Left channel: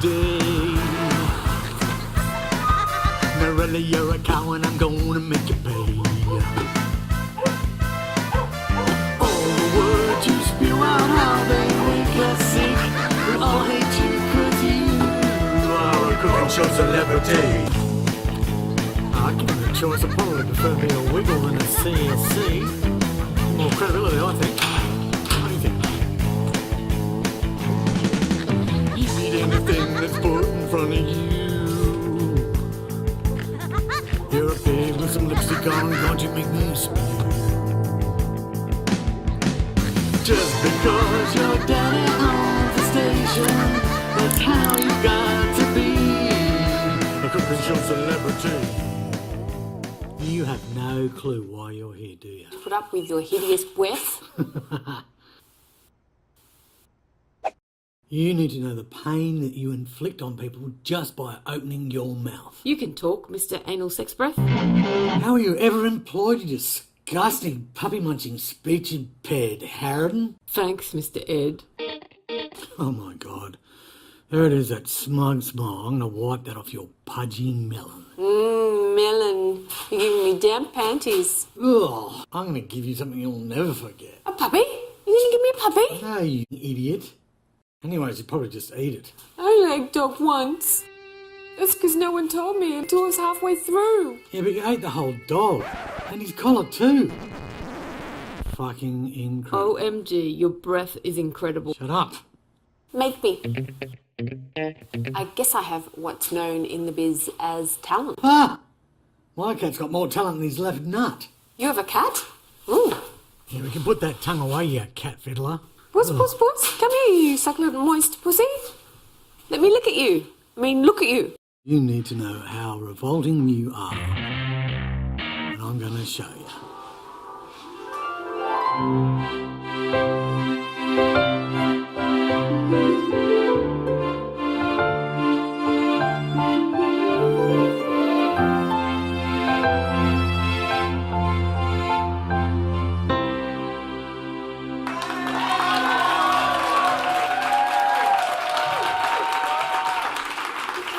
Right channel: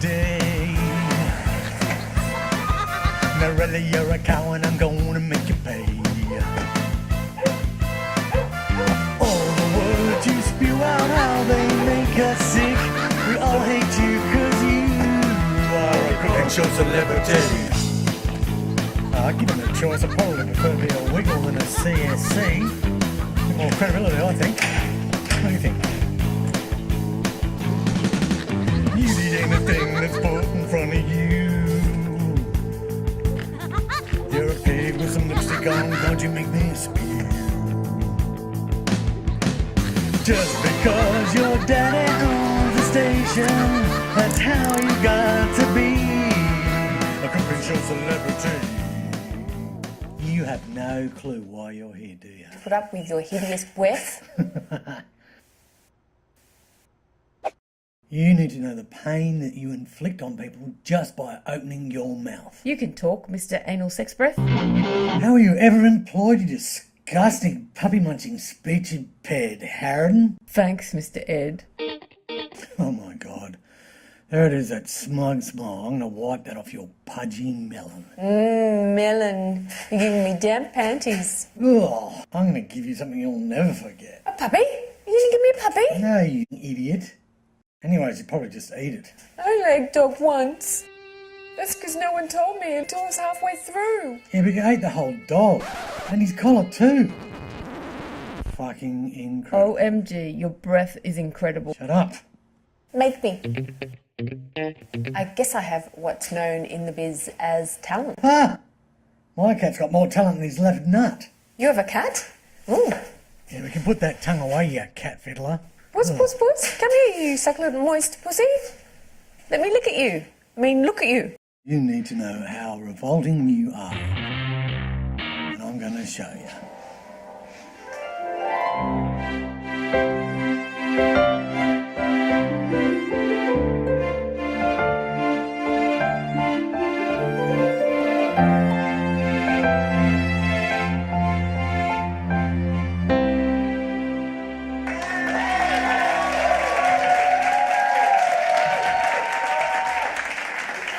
today. Narella, you're a cow and I'm gonna make you pay. All the words you spew out, how they make us sick. We all hate you 'cause you are a cooking show celebrity. I give them a choice, I probably prefer me a wiggle than a CSC. More credibility, I think. What do you think? You need anything that's put in front of you. You're a pig with some lipstick on, won't you make me spew? Just because your daddy owns the station, that's how you got to be a cooking show celebrity. You have no clue why you're here, do you? Put up with your hideous breath. You need to know the pain that you inflict on people just by opening your mouth. You can talk, Mr. Anal Sex Breath. How are you ever employed, you disgusting puppy-munching speech-impaired harridan? Thanks, Mr. Ed. Oh my God. There it is, that smug smile. I'm going to wipe that off your pudgy melon. Melon. You're giving me damp panties. Ugh, I'm going to give you something you'll never forget. A puppy? You're going to give me a puppy? No, you idiot. Anyways, you probably just eat it. I only ate dog once. That's because no one told me until I was halfway through. Yeah, but you ate the whole dog. And his collar too. Fucking incredible. OMG, your breath is incredible. Shut up. Make me. I guess I have what's known in the biz as talent. Ah! My cat's got more talent than his left nut. You have a cat? Ooh. Yeah, we can put that tongue away, you cat fiddler. Puss, puss, puss. Come here, you succulent moist pussy. Let me look at you. I mean, look at you. You need to know how revolting you are. And I'm going to show you.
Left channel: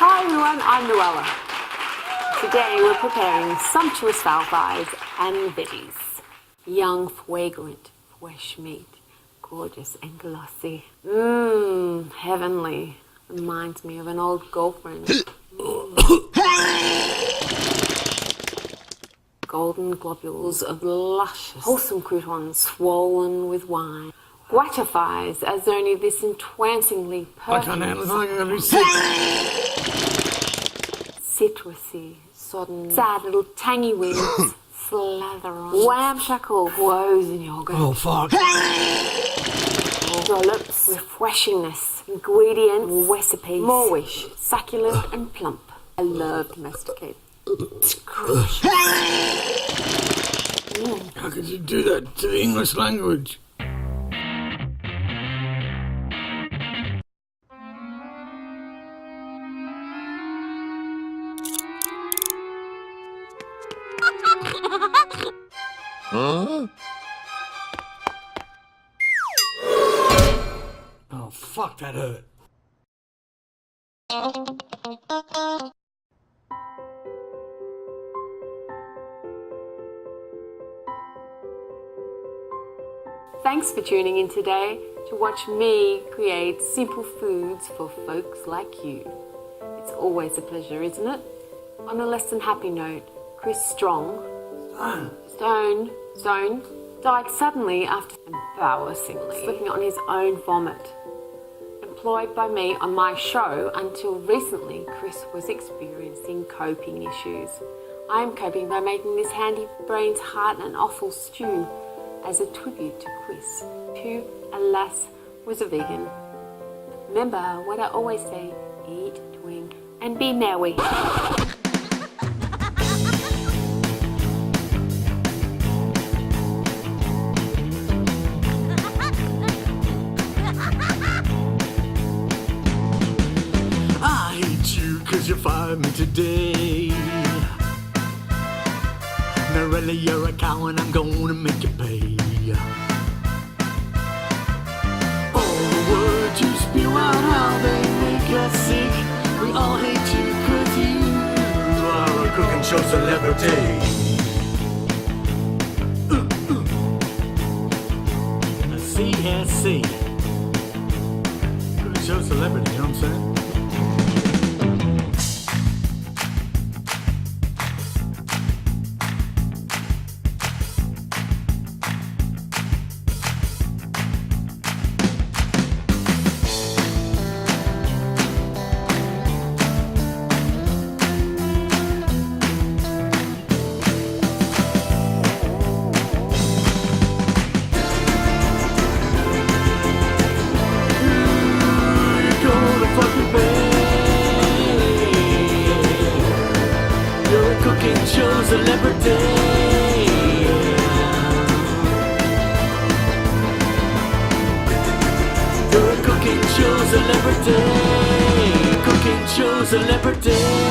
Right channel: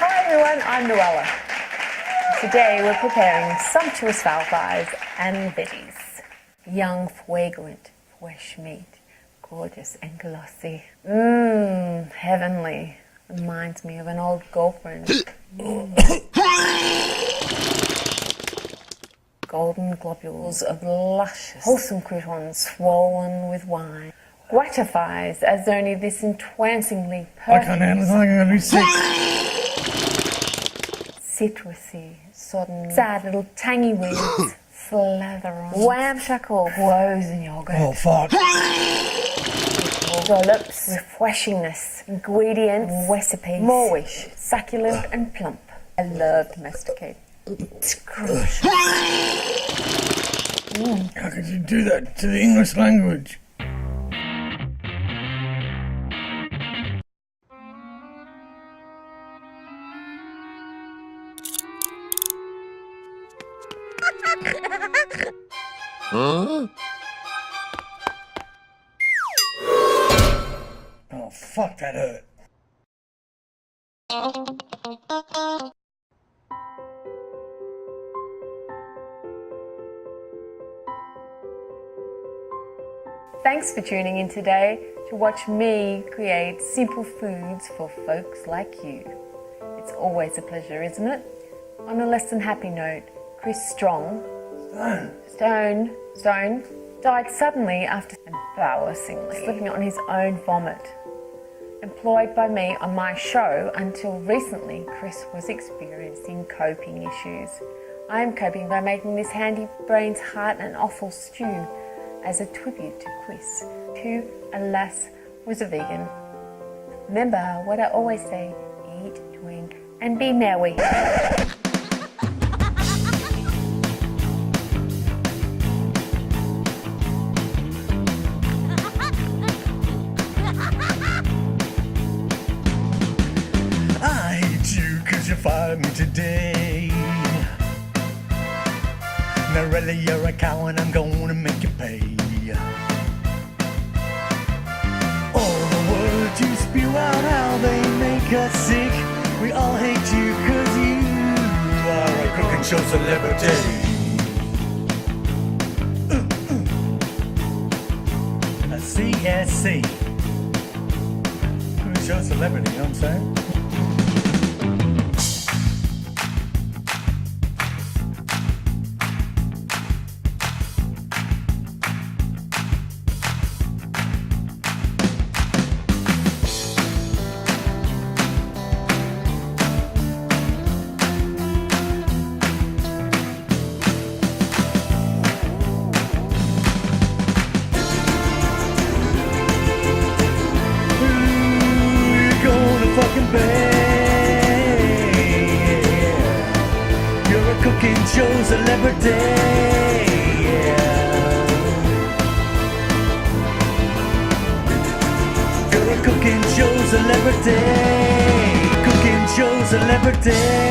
Hi everyone, I'm Narella. Today we're preparing sumptuous fowl thighs and veggies. Young, fragrant, fresh meat, gorgeous and glossy. Heavenly. Reminds me of an old girlfriend. Golden globules of luscious, wholesome croutons swollen with wine. Gratifies as only this entrancingly perfect. I can't handle it, I'm going to be sick. Citrusy, sodden, sad little tangy weeds slather on ramshackle frozen yogurt. Oh, fuck. Dollops, refreshingness, ingredients, recipes, moreish, succulent and plump. I love domesticate. Scrooge. How could you do that to the English language? Huh? Oh, fuck, that hurt. Thanks for tuning in today to watch me create simple foods for folks like you. It's always a pleasure, isn't it? On a less than happy note, Chris Stone died suddenly after embarrassingly slipping on his own vomit. Employed by me on my show until recently, Chris was experiencing coping issues. I am coping by making this handy brains heart and offal stew as a tribute to Chris, who, alas, was a vegan. Remember what I always say, eat, drink, and be merry. You fired me today. Narella, you're a cow and I'm gonna make you pay. All the words you spew out, how they make us sick. celebrity. A CSC. Cooking show celebrity, you know what I'm saying? Celebrity, you're a cooking show celebrity, cooking show celebrity.